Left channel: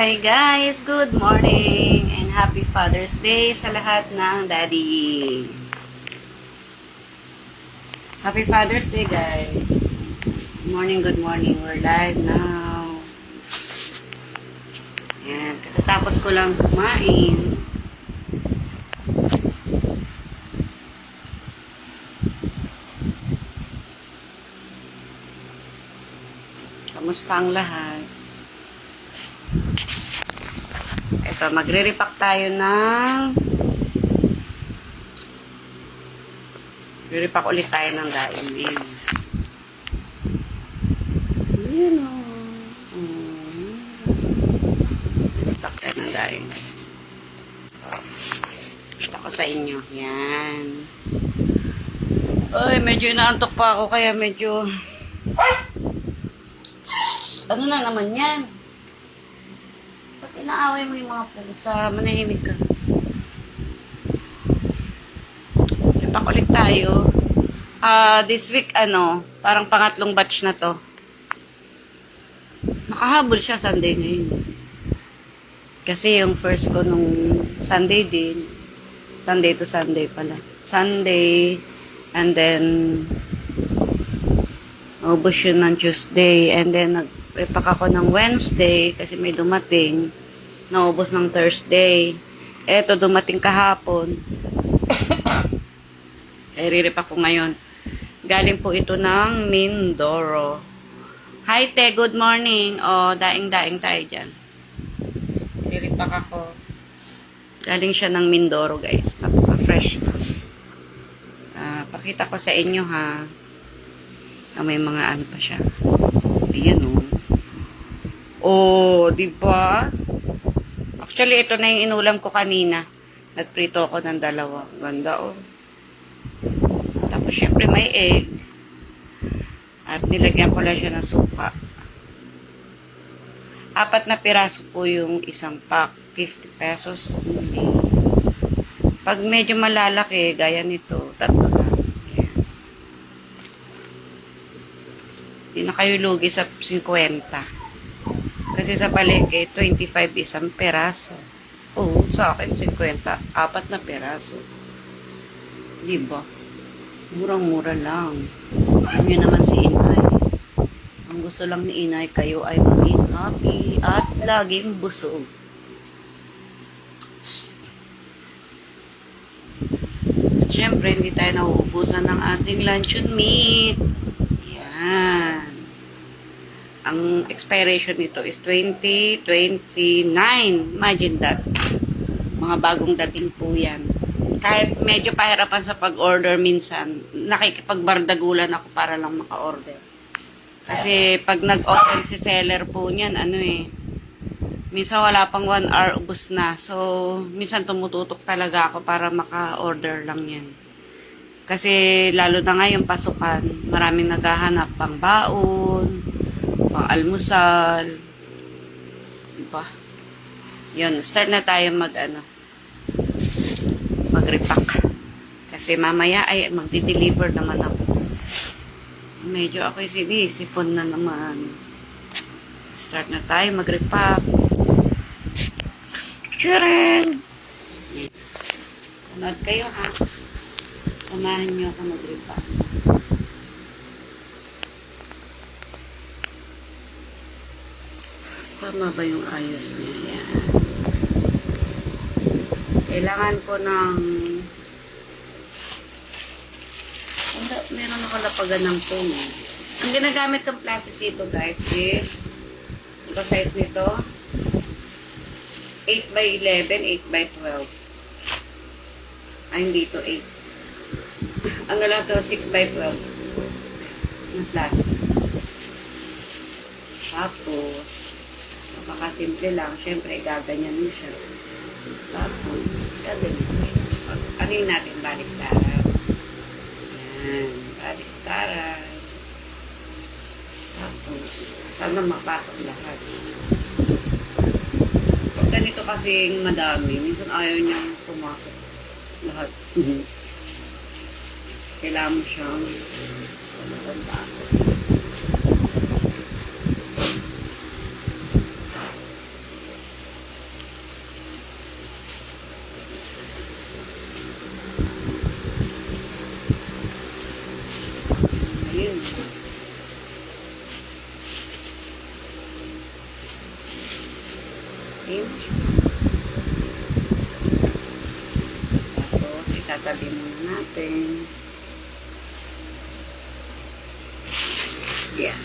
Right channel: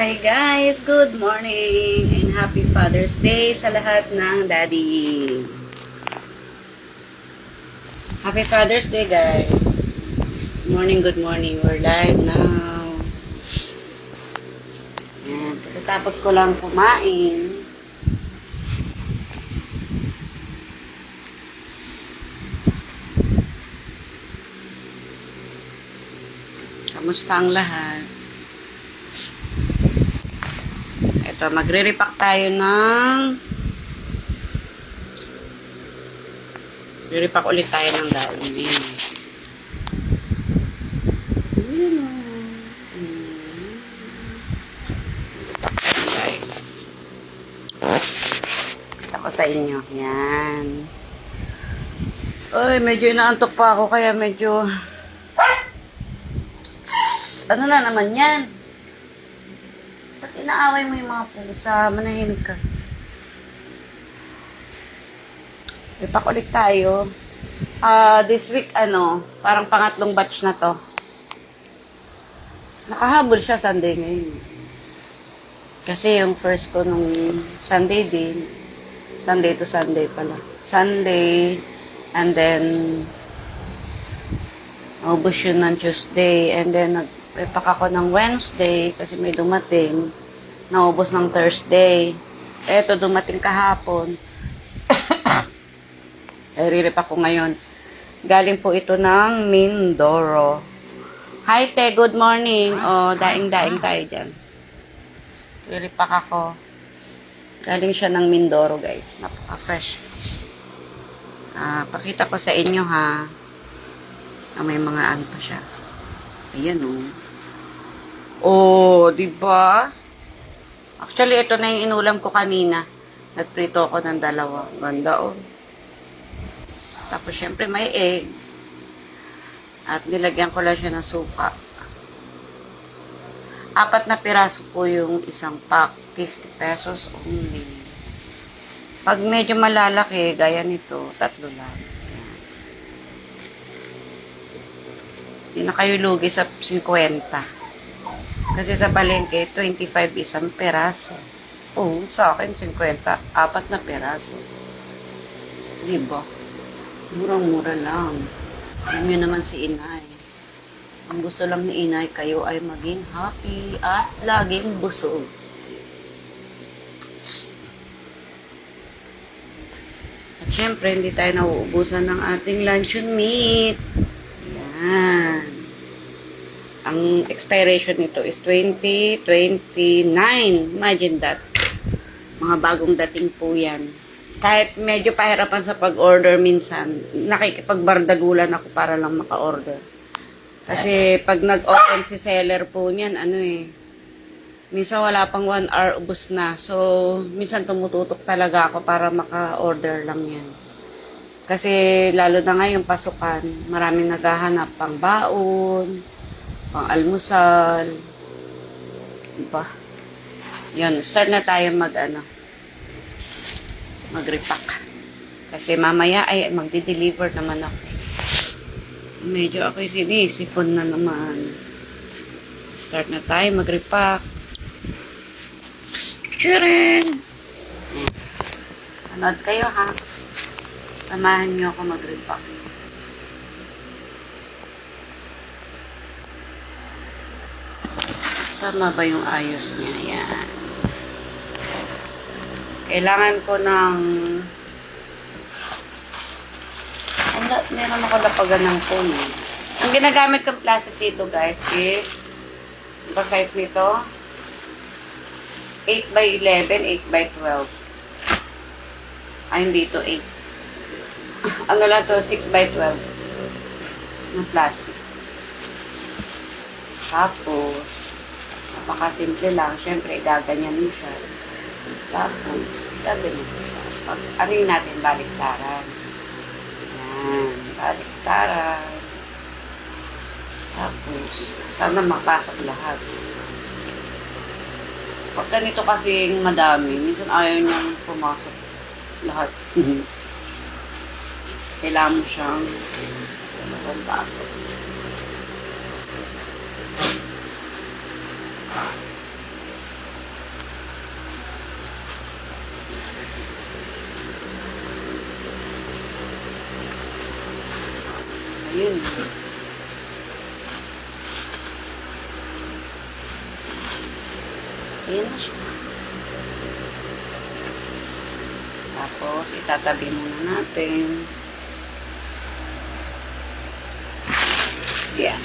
Hi guys, good morning and happy Father's Day sa lahat ng daddy. Happy Father's Day guys. Good morning. We're live now. Ayan, katatapos ko lang kumain. Kamusta ang lahat? Ito, magre-repack tayo ng re-repack ulit tayo ng daing. Ayan. Repack tayo ng daing. Kita ko sa inyo. Yan. Ay, medyo inaantok pa ako kaya medyo ano na naman yan? Ba't inaaway mo yung mga pusa? Manahimik ka. Repack ulit tayo. This week, parang pangatlong batch na to. Nakahabol siya Sunday ngayon. Kasi yung first ko nung Sunday din. Sunday to Sunday pala. Sunday, and then naubos yun ng Tuesday, and then nag-repack ako ng Wednesday kasi may dumating. Naubos ng Thursday. Eto, dumating kahapon. Ay, re-repack ko ngayon. Galing po ito ng Mindoro. Hi, Te. Good morning. Daing-daing tayo dyan. Re-repack ako. Galing siya ng Mindoro, guys. Napaka-fresh. Pakita ko sa inyo, ha. May mga ano pa siya. Ayan, diba? Actually, ito na yung inulam ko kanina. Nagprito ako ng dalawa. Ganda, Tapos, syempre, may egg. At nilagyan ko lang siya ng suka. 4 na piraso po yung isang pack. 50 pesos only. Pag medyo malalaki, gaya nito, 3 na. Hindi na kayo lugi sa 50. Kasi sa palengke, 25 isang peraso. Sa akin, 50. 4 na peraso. Diba? Murang-mura lang. Alam nyo naman si Inay. Ang gusto lang ni Inay, kayo ay maging happy at laging busog. At syempre, hindi tayo nauubusan ng ating luncheon meat. Yan. Ang expiration nito is 2029. Imagine that. Mga bagong dating po yan. Kahit medyo pahirapan sa pag-order minsan, nakikipagbardagulan ako para lang maka-order. Kasi pag nag-open si seller po niyan, minsan wala pang 1 hour, ubos na. So, minsan tumututok talaga ako para maka-order lang yan. Kasi lalo na ngayon pasukan, maraming naghahanap pang baon, pang almusal. Diba? Yun, start na tayo mag-repack. Kasi mamaya ay magdi-deliver naman ako. Medyo ako sinisipon na naman. Start na tayo mag-repack. Chirin! Anood kayo, ha? Samahan niyo ako mag-repack. Tama ba yung ayos niya? Yan. Kailangan ko ng meron makalapagan ng phone. Ang ginagamit kong plastic dito, guys, is ito size nito 8x11, 8x12. Hindi ito 8. Ano lang to, 6x12 ng plastic. Tapos napakasimple lang. Siyempre, gaganyan mo siya. Tapos, gaganyan mo siya. Anin natin, baliktaran. Yan, baliktaran. Tapos, sana mapasok lahat. Pag ganito kasi madami, minsan ayaw niyang pumasok lahat. Kailangan mo siyang pasok. Ayan na siya. Tapos, itatabi muna natin. Yan.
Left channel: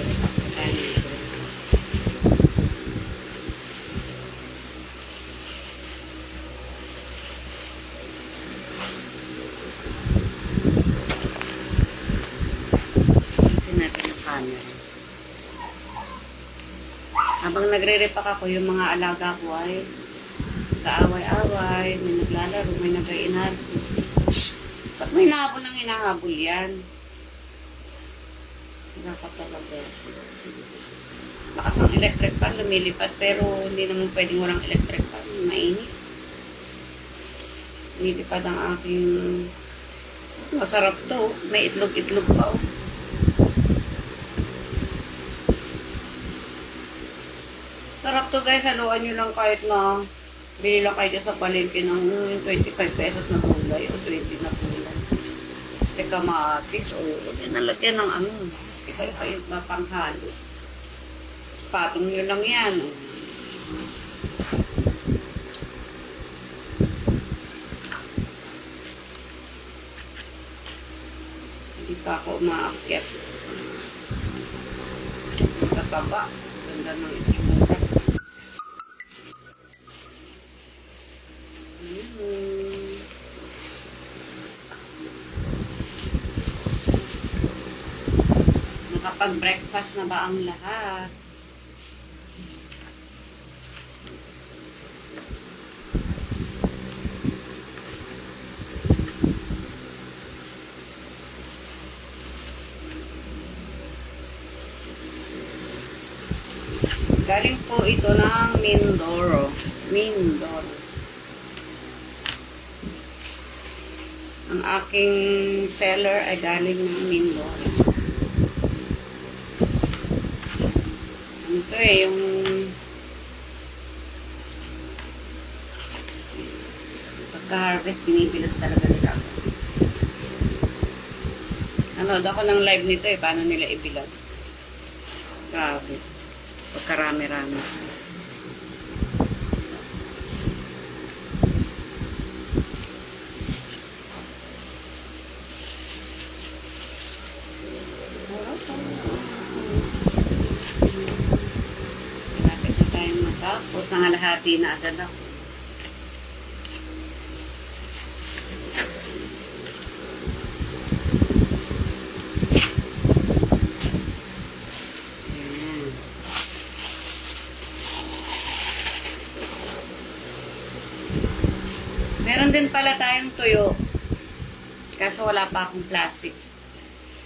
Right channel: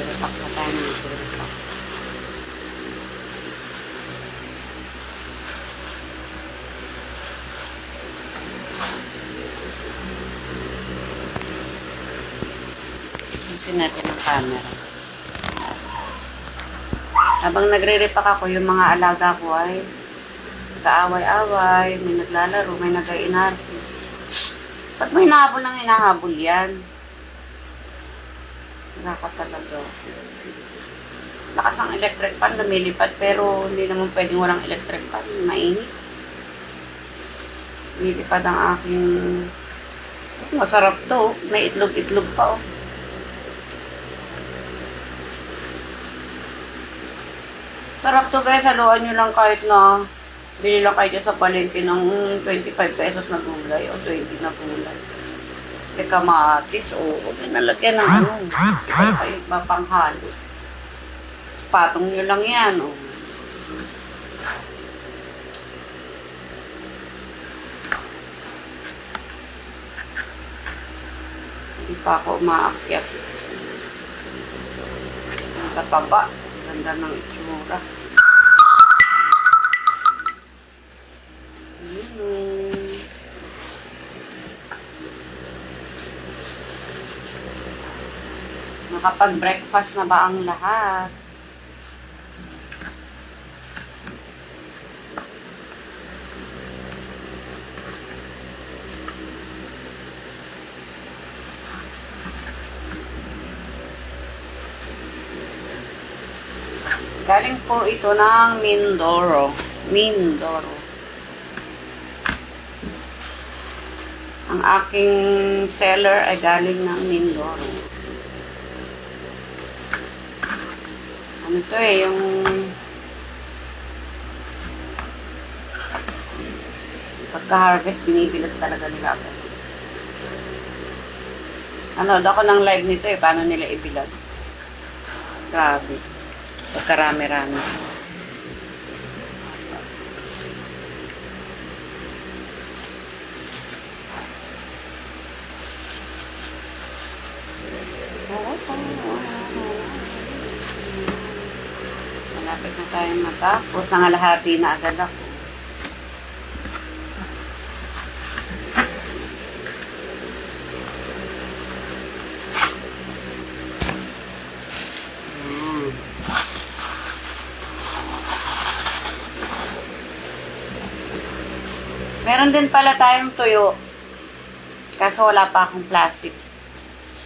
Repack na tayo ng repack. Gusto natin ng camera. Habang nagre-repack ako, yung mga alaga ko ay nag-aaway-away, may naglalaro, may nag-iinarte. Ba't may hinahabol ng hinahabol yan? Nakaka talaga. Lakas ng electric fan, lumilipad, pero hindi naman pwedeng walang electric fan. Mainit. Lumilipad ang aking... Masarap to. May itlog-itlog pa, oh. Sarap to guys, haluan nyo lang kahit na bili lang kayo sa palengke ng 25 pesos na gulay o 20 na gulay. E kamatis, o nalagyan ng ano, iba kayo mapanghalo. Patong nyo lang yan, o. Hindi pa ako umaakyat. Kapaba. Ganda ng itsura. Nakapag-breakfast na ba ang lahat? Galing po ito ng Mindoro. Mindoro. Ang aking seller ay galing ng Mindoro. Ano to eh, yung pagka-harvest, binibilad talaga nila ako. Ano, ako ng live nito eh, paano nila ibilad. Grabe. Pagkarami-rami. Malapit na tayo matapos. Nangalahati na agad ako. Meron din pala tayong tuyo. Kaso wala pa akong plastic.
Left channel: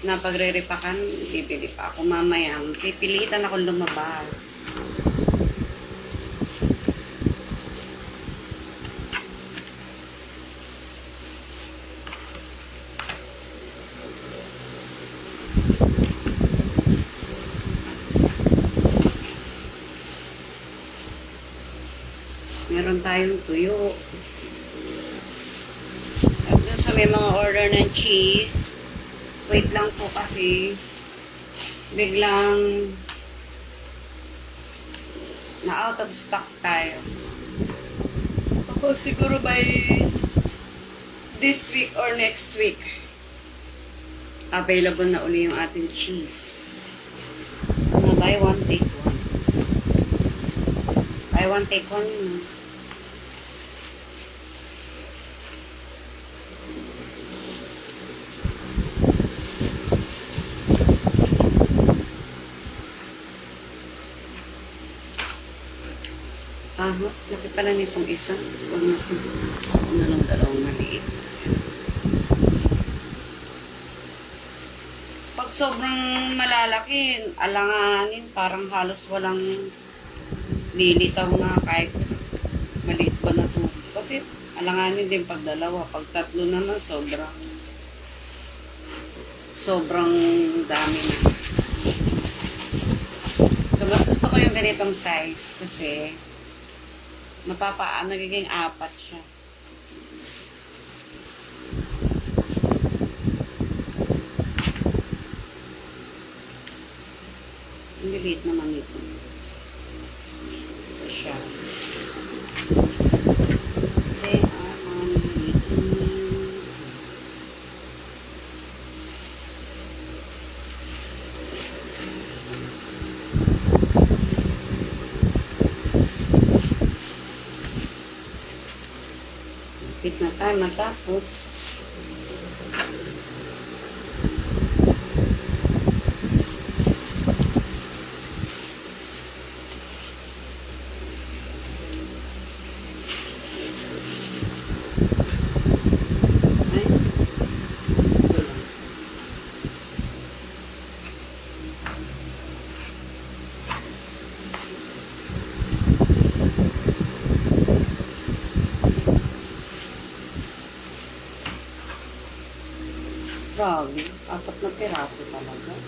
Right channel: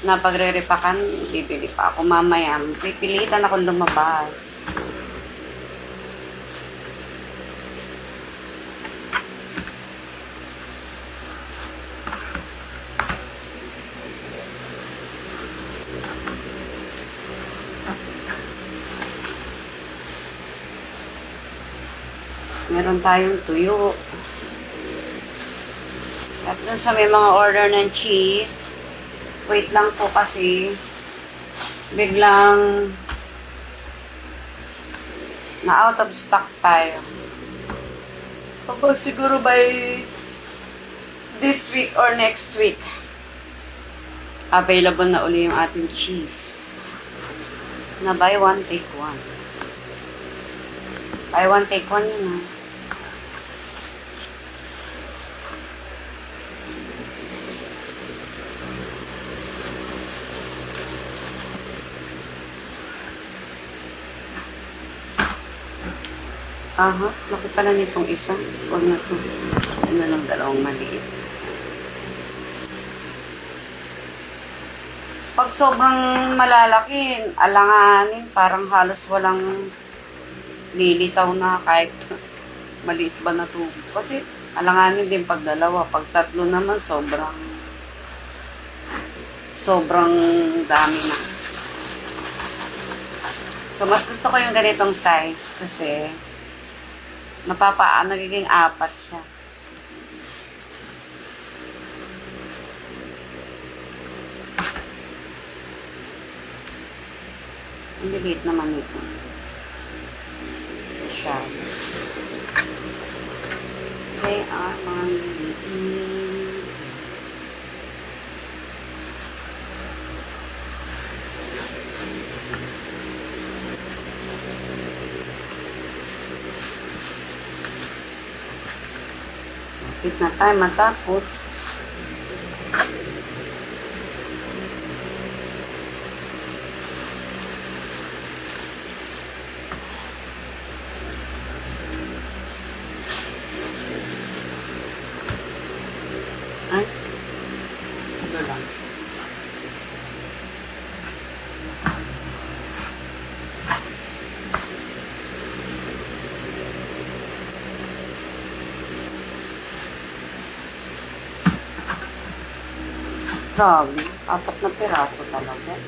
Na pagre-repakan, bibili pa ako mamaya. Pipilitan akong lumabas. Meron tayong tuyo. At dun sa may mga order ng cheese, wait lang po kasi biglang na-out of stock tayo. Ako siguro by this week or next week, available na uli yung ating cheese. Na buy one, take one. Buy one, take one yun, ha. Aha, laki pala nitong isa. Huwag na ito. Ano lang dalawang maliit. Pag sobrang malalaki, alanganin, parang halos walang lilitaw na kahit maliit ba na ito. Kasi alanganin din pag dalawa. Pag tatlo naman, sobrang dami na. So, mas gusto ko yung ganitong size kasi nagiging 4 siya. Hindi liit naman ito. Siya. They are mamimigin. Lapit na tayo matapos. Ay, ito lang. Grabe, 4 na piraso talaga.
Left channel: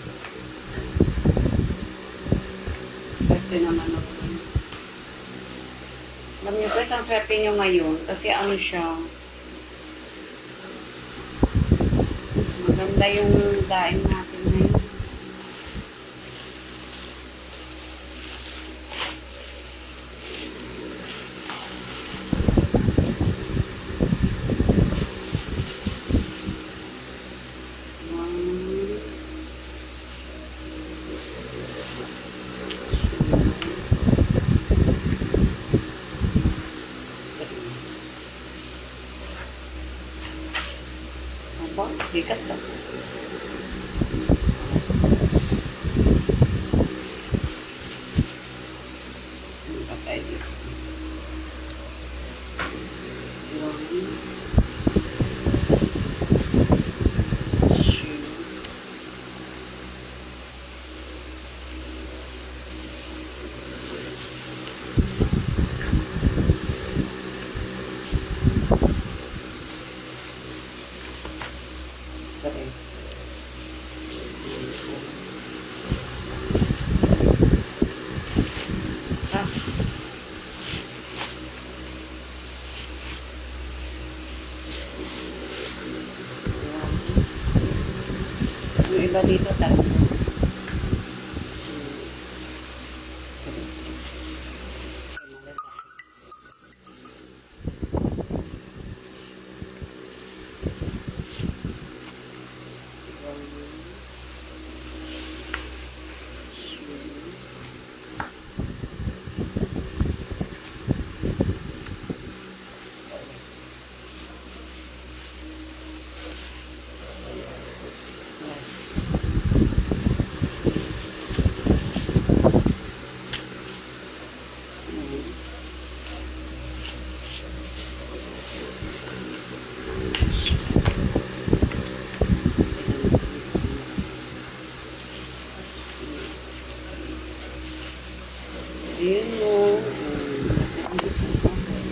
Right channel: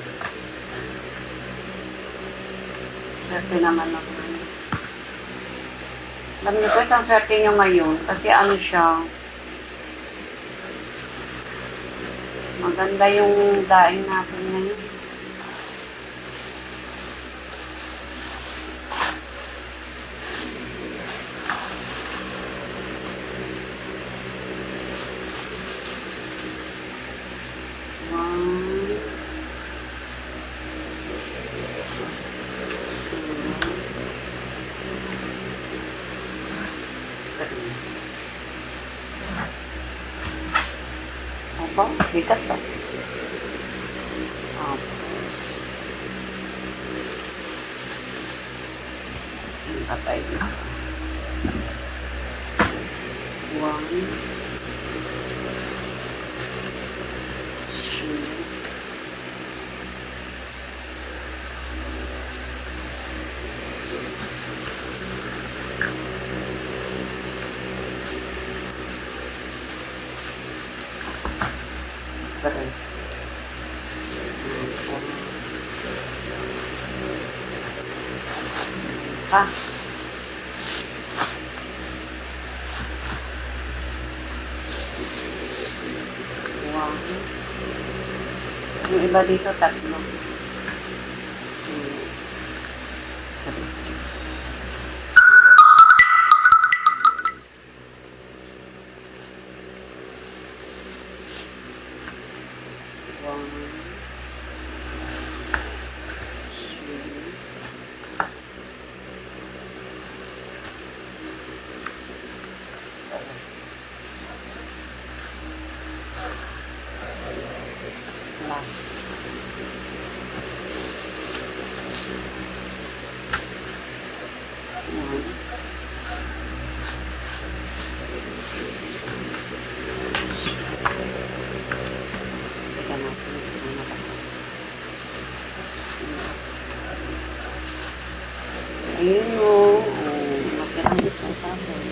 Swerte naman ako. Alam niyo po, isang swerte niyo ngayon kasi ano siya, maganda yung daing natin ngayon. One, two, three. Apa? Bigat ba? Tapos, yung patay dito. One, two, three. Ah, one. Yung iba dito, 3. Two, three. One, two, last. One, ayun o. Nakirang isa sa akin.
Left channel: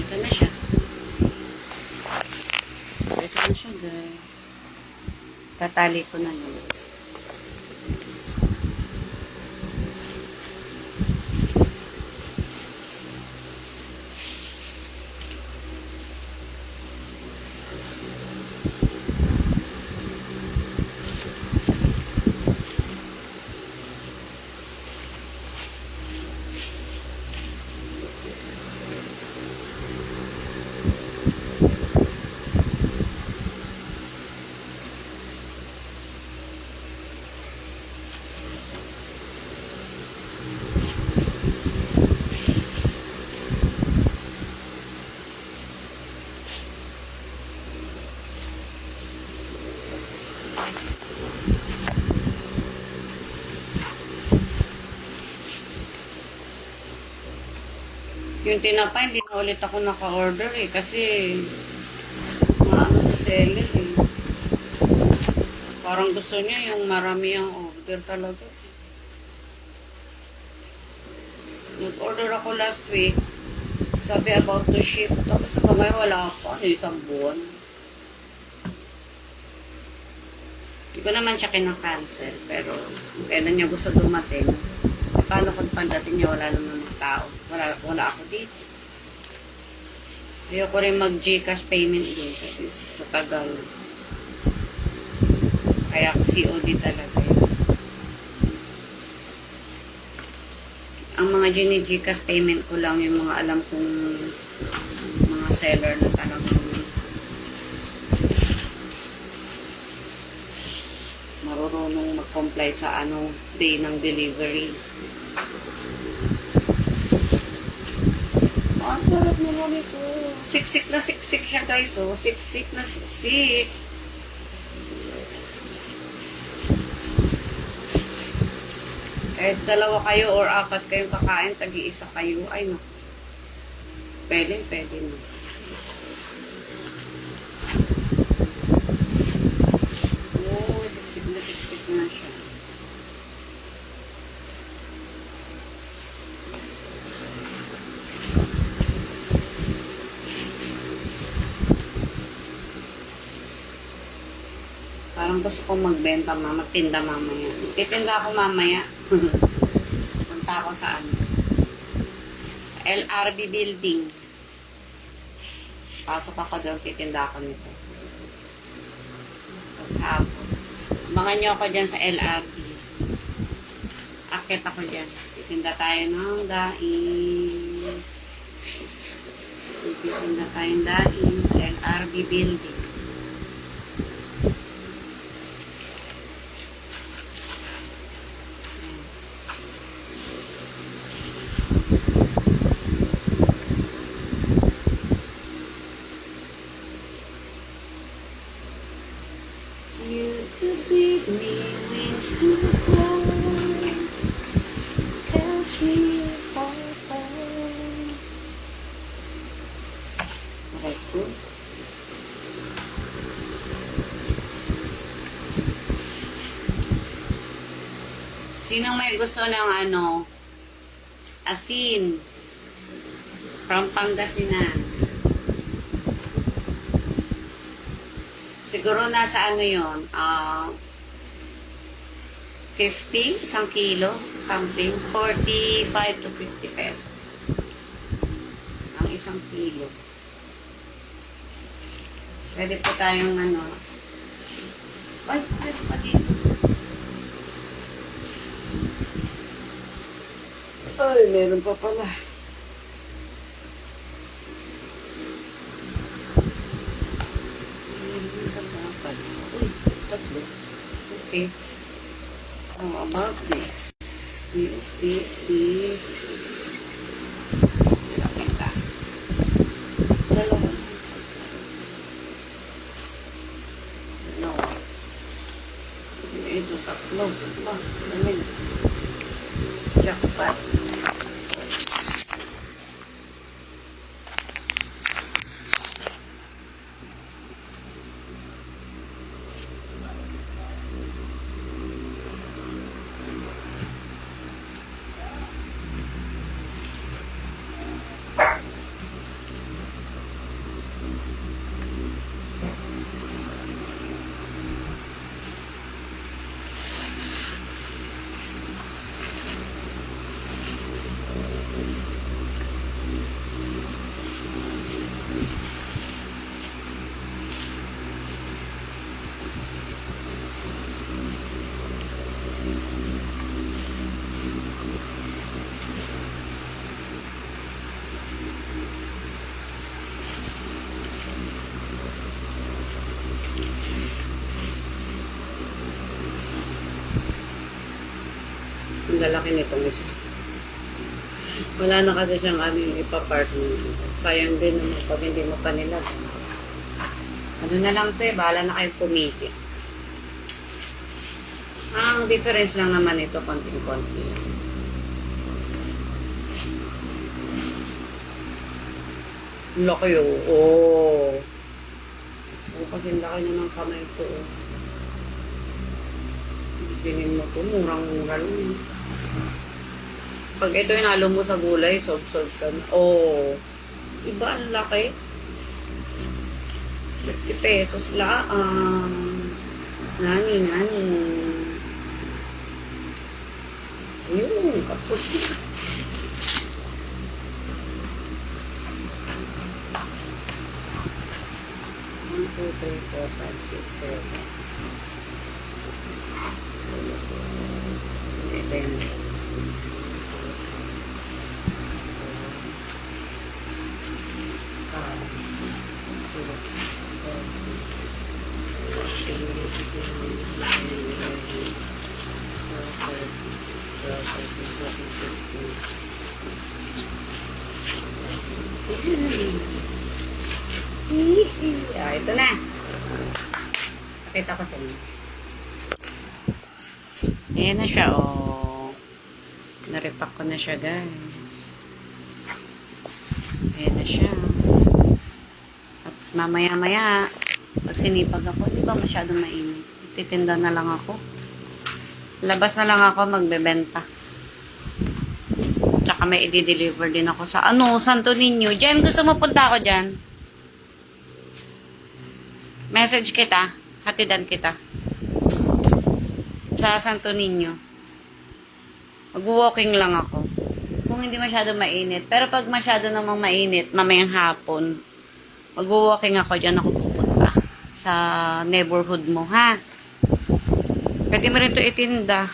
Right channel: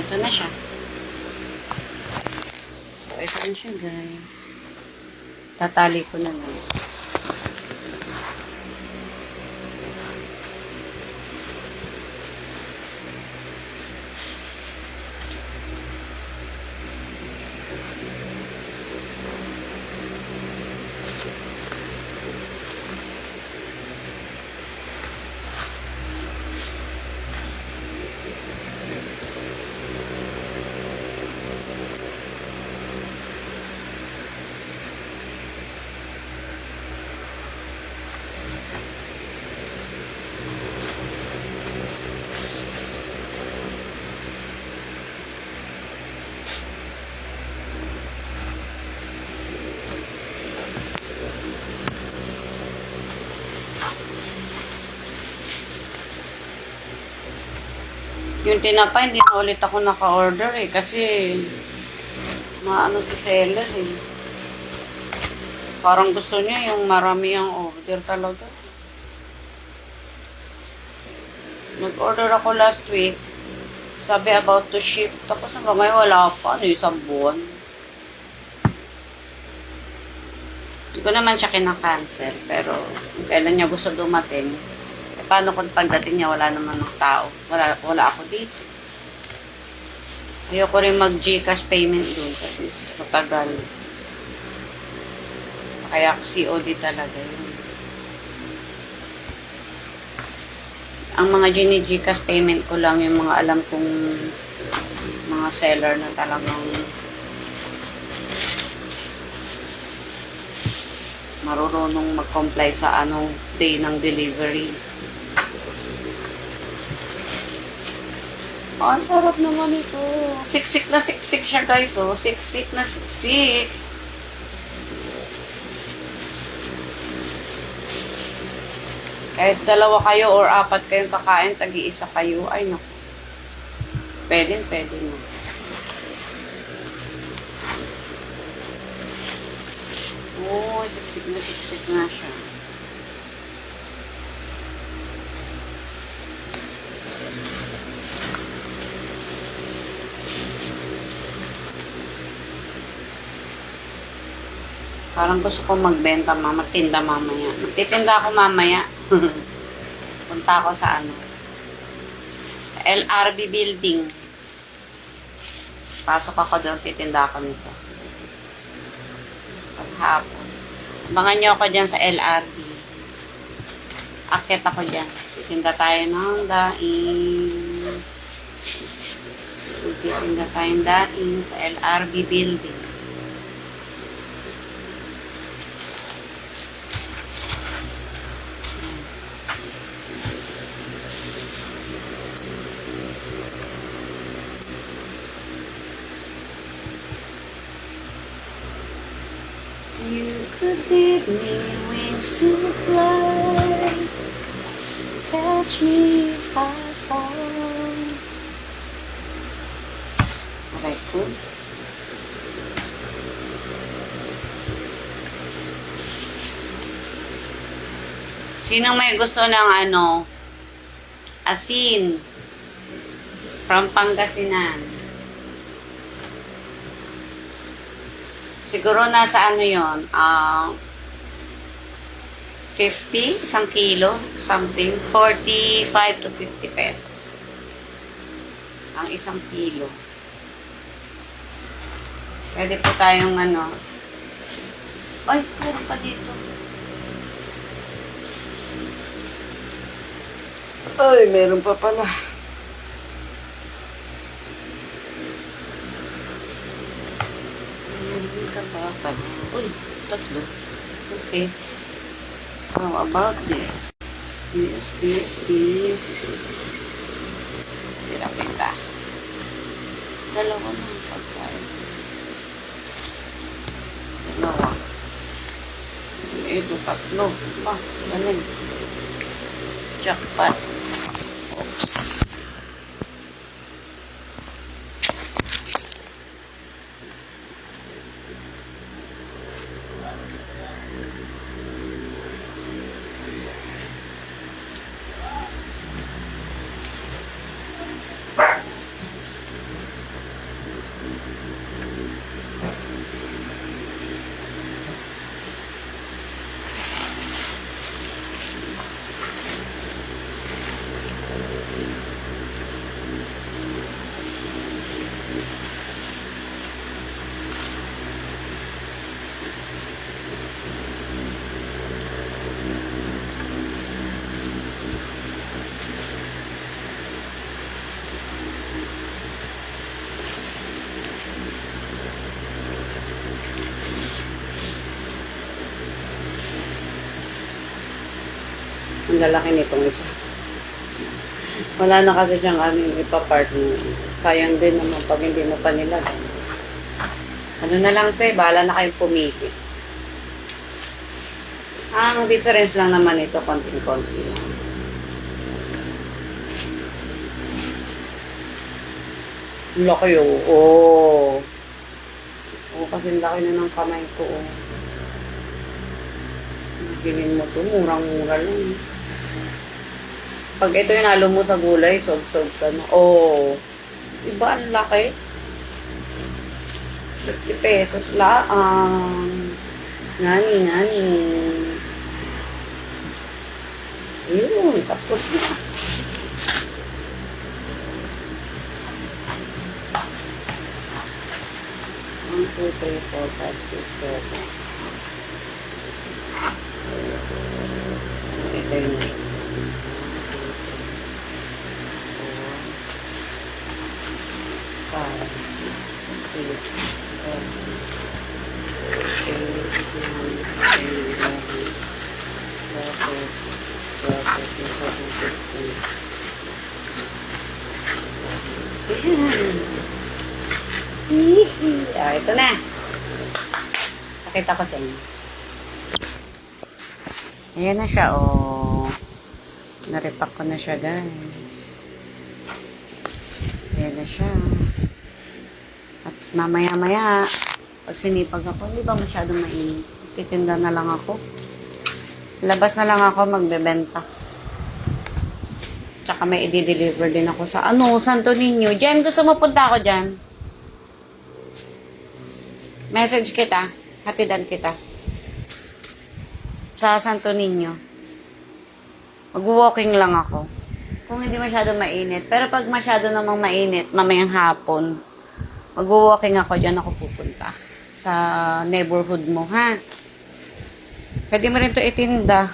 Ito na siya. Ito na siya, guys. Tatali ko na lang. Yung tinapay, hindi na ulit ako naka-order eh. Kasi, maano si seller eh. Parang gusto niya yung marami ang order talaga. Nag-order ako last week. Sabi about to ship. Tapos hanggang ngayon wala pa. Ano, isang buwan. Hindi ko naman siya kinakancel. Pero, kailan niya gusto dumating. Paano kung pagdating niya wala naman ng tao? Wala ako dito. Ayoko rin mag-GCash payment doon kasi sa tagal. Kaya ako COD talaga yun. Ang mga gini-GCash payment ko lang yung mga alam kong mga seller na talagang marunong mag-comply sa day ng delivery. Oh, ang sarap naman ito. Siksik na siksik siya, guys. Oh, siksik na siksik. Kahit dalawa kayo or apat kayong kakain, tagi-isa kayo. Ay, naku. Pwede na. Oh, siksik na siya. Parang gusto ko magbenta, magtinda mamaya. Magtitinda ako mamaya. Punta ako sa sa LRB building. Pasok ako doon, titinda ako nito. Paghapon. Abangan nyo ako dyan sa LRB. Akit ako dyan. Titinda tayo ng daing. Titinda tayong daing sa LRB building. You could give me wings to fly, catch me if I fall. Okay, cool. Sinong may gusto ng asin from Pangasinan? Siguro nasa yon, 50, isang kilo, something, 45 to 50 pesos. Ang isang kilo. Pwede po tayong ay, meron pa dito. Ay, meron pa pala. Uy, tatlo. Okay. How about this? This. Kita. Dalawa lang pagkain. Dalawa. Ito, tatlo. Galing. Jackpot. Oops. Ang lalaki nitong isa. Wala na kasi siyang ipa-part mo. Sayang din naman pag hindi mo pa nila. Ano na lang ito bahala na kayong pumili. Ang difference lang naman ito, konting-konti lang. Laki oh. Oo, kasi laki na ng kamay ko oh. Bilhin mo ito, murang-mura lang. Pag ito yung halo mo sa gulay, sob-sob ka na. Oh, iba ang laki. 50 pesos lang. Nani. Yun, tapos na. 2, 3, 4, 5, 6, 7. Ito yung 5, 6, 7, 8, 9, 10, 11, 12, 13, 14, 15, 16, 17, 18, 19, 20. Ito na. Pakita ko sa inyo. Ayan na siya, oh. Naripak ko na siya, guys. Ayan na siya. At mamaya-maya, pag sinipag ako, hindi ba masyadong mainit? Titinda na lang ako. Labas na lang ako, magbebenta. Tsaka may i-deliver din ako sa, Santo Niño. Jen, gusto mo punta ako dyan? Message kita. Hatidan kita. Sa Santo Niño. Mag-walking lang ako. Kung hindi masyado mainit. Pero pag masyado namang mainit, mamayang hapon, mag-walking ako, dyan ako pupunta. Sa neighborhood mo, ha? Pwede mo rin ito itinda.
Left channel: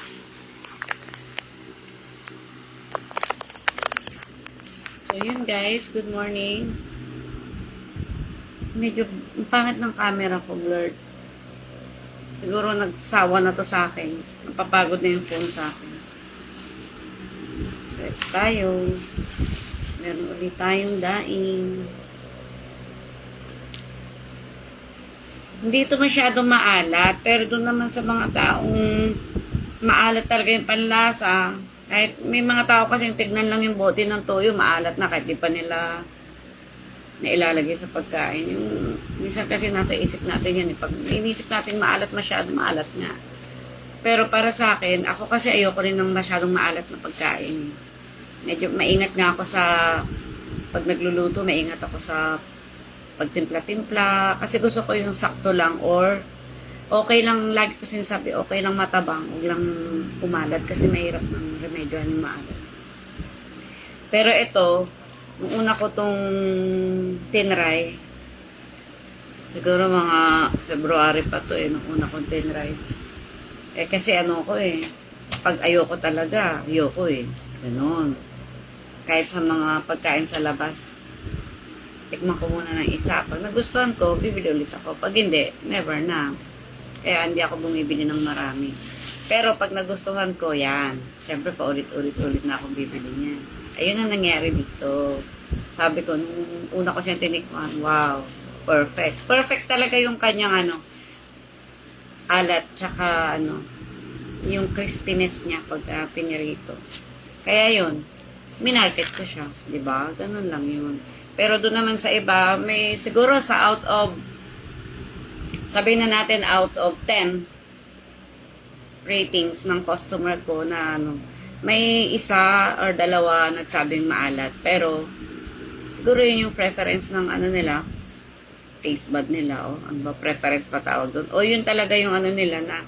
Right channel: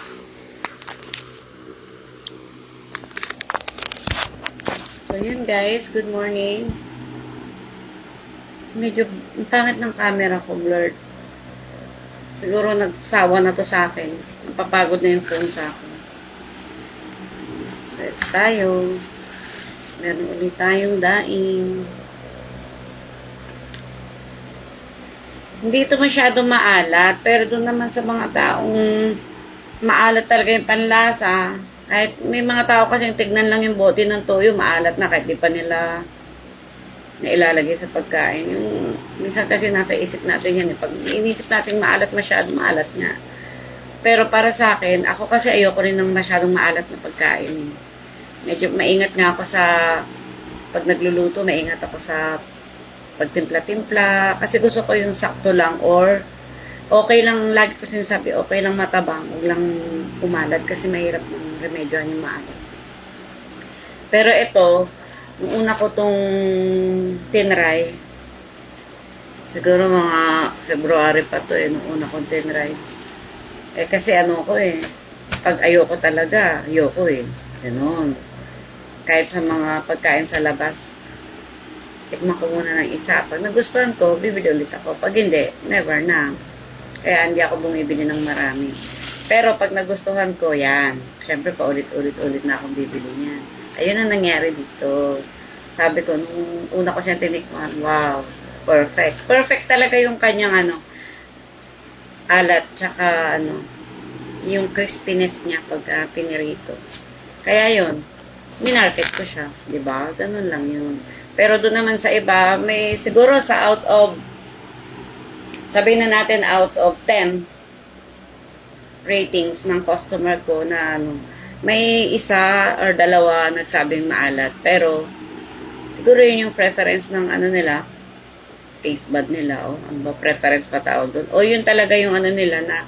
So, yun guys. Good morning. Medyo pangit ng camera ko, blurred. Siguro nagsawa na to sa akin. Napapagod na yung phone sa akin. So, ito tayo. Meron ulit tayong daing. Hindi ito masyadong maalat. Pero doon naman sa mga taong maalat talaga yung panlasa. Kahit may mga tao kasi tignan lang yung bote ng toyo, maalat na kahit di pa nila na ilalagay sa pagkain. Yung minsan kasi nasa isip natin yan. Pag inisip natin maalat masyado, maalat nga. Pero para sa akin, ako kasi ayoko rin ng masyadong maalat na pagkain. Medyo maingat nga ako sa pag nagluluto, maingat ako sa pagtimpla-timpla. Kasi gusto ko yung sakto lang or okay lang, lagi ko sinasabi, okay lang matabang, huwag lang pumalat kasi mahirap ng remedyohan yung maalat. Pero ito, nung una ko tong tinry, siguro mga February pa to nung una kong tinry. Kasi pag ayoko talaga, ayoko Ganun. Kahit sa mga pagkain sa labas, tikman ko muna ng isa. Pag nagustuhan ko, bibili ulit ako. Pag hindi, never na. Kaya hindi ako bumibili ng marami. Pero pag nagustuhan ko, yan. Siyempre, paulit-ulit na akong bibili niyan. Ayun ang nangyari dito. Sabi ko, nung una ko siyang tinikman, wow, perfect. Perfect talaga yung kanyang alat, tsaka yung crispiness niya pag pinirito. Kaya yun, minarket ko siya, di ba? Ganun lang yun. Pero doon naman sa iba, may siguro sa out of, sabihin na natin out of 10 ratings ng customer ko na may isa or dalawa nagsabing maalat. Pero, siguro yun yung preference ng nila, taste bud nila, ano ba, preference pa tawag doon. O yun talaga yung nila na,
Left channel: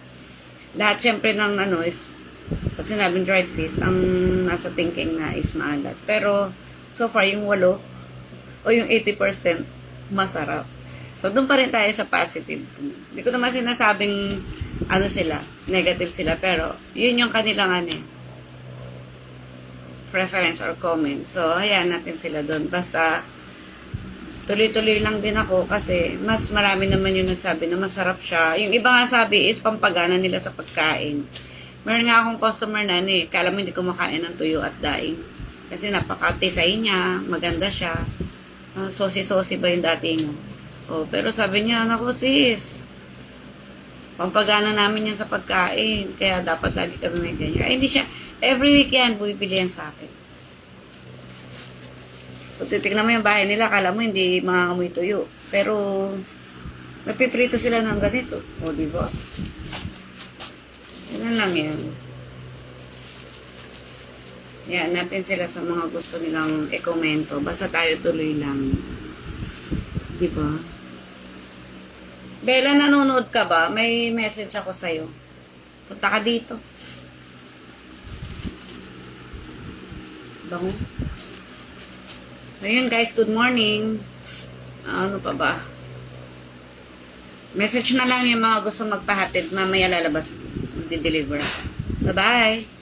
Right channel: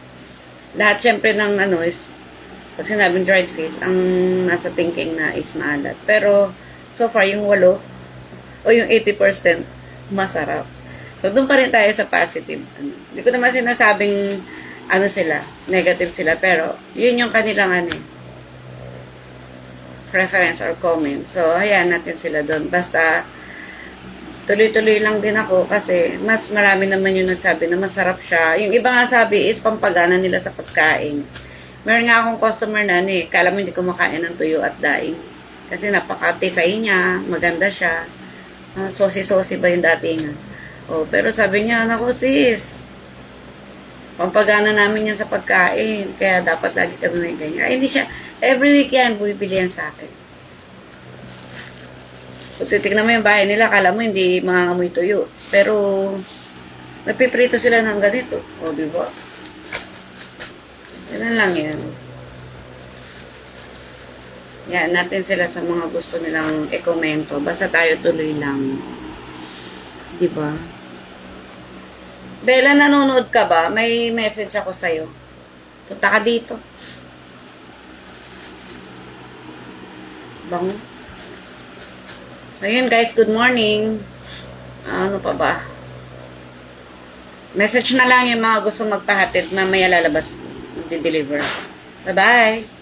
lahat syempre ng is, pag sinabing dried fish, ang nasa thinking na is maalat. Pero, so far, yung 8, o yung 80%, masarap. So, doon pa rin tayo sa positive. Hindi ko naman sinasabing, sila, negative sila, pero, yun yung kanilang preference or comment. So, hayaan natin sila doon. Basta, tuloy-tuloy lang din ako kasi mas marami naman yung nagsabi na masarap siya. Yung iba nga sabi is pampagana nila sa pagkain. Meron nga akong customer na kala mo hindi kumakain ng tuyo at daing. Kasi napaka-tisay niya, maganda siya. Sosi-sosi ba yung datingan? Pero sabi niya, naku sis, pampagana namin yan sa pagkain. Kaya dapat lagi kami may ganyan. Ay, hindi siya. Every week yan, bumibili yan sa akin. Kung titignan mo yung bahay nila, akala mo hindi mga amoy tuyo. Pero, napiprito sila ng ganito. Diba? Ganun lang yan. Yan, natin sila sa mga gusto nilang i-komento. Basta tayo tuloy lang. Diba? Bella, nanonood ka ba? May message ako sa'yo. Punta ka dito. Bango. Ayun guys, good morning. Ano pa ba? Message na lang yung mga gusto magpahatid. Mamaya lalabas. Di-deliver. Bye-bye!